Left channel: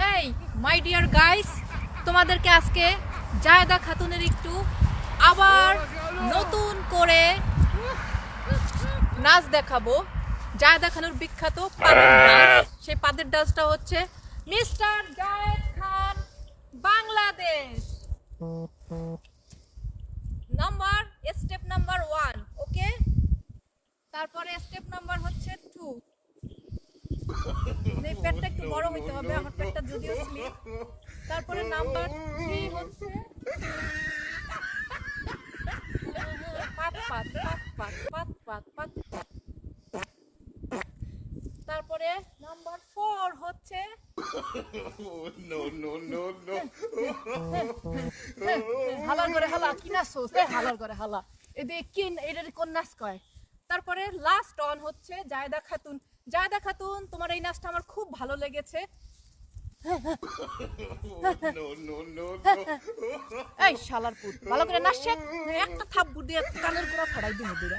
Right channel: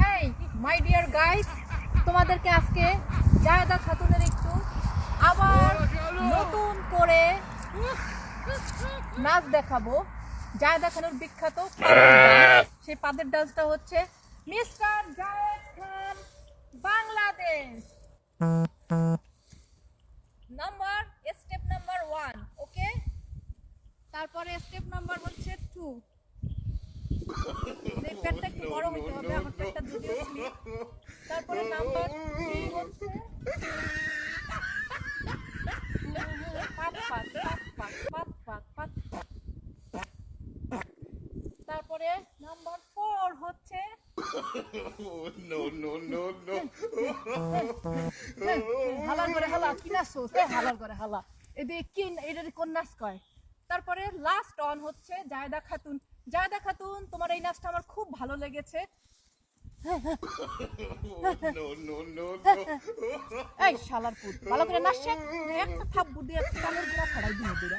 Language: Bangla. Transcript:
হেই মাই ডিয়ার গাইস তোমাদেরকে আজকে জায়দা খাতুনের একটু আবার নতুন করে নাচ দেখাবো। জায়দা খানুর বিখ্যাত সেই পাদের ডান্সটা হচ্ছে mister Zayed Khan Bangladesh. Number step number one okay? তারপরে স্টেপ নাম্বার হচ্ছে টু। পেটটা তারপরে নাম্বার ফোর হচ্ছে কয়? তারপরে লাস্ট অন হচ্ছে জায়দা খাতুন। জায়দা খাতুন তোমার এই নাচটা আমার খুব ভালো লেগেছে. এই শালার পুত ভালো করে নাচছে একটা থাপ্পড় দিয়ে কানের গোড়া ফড়াই দিয়ে দিরা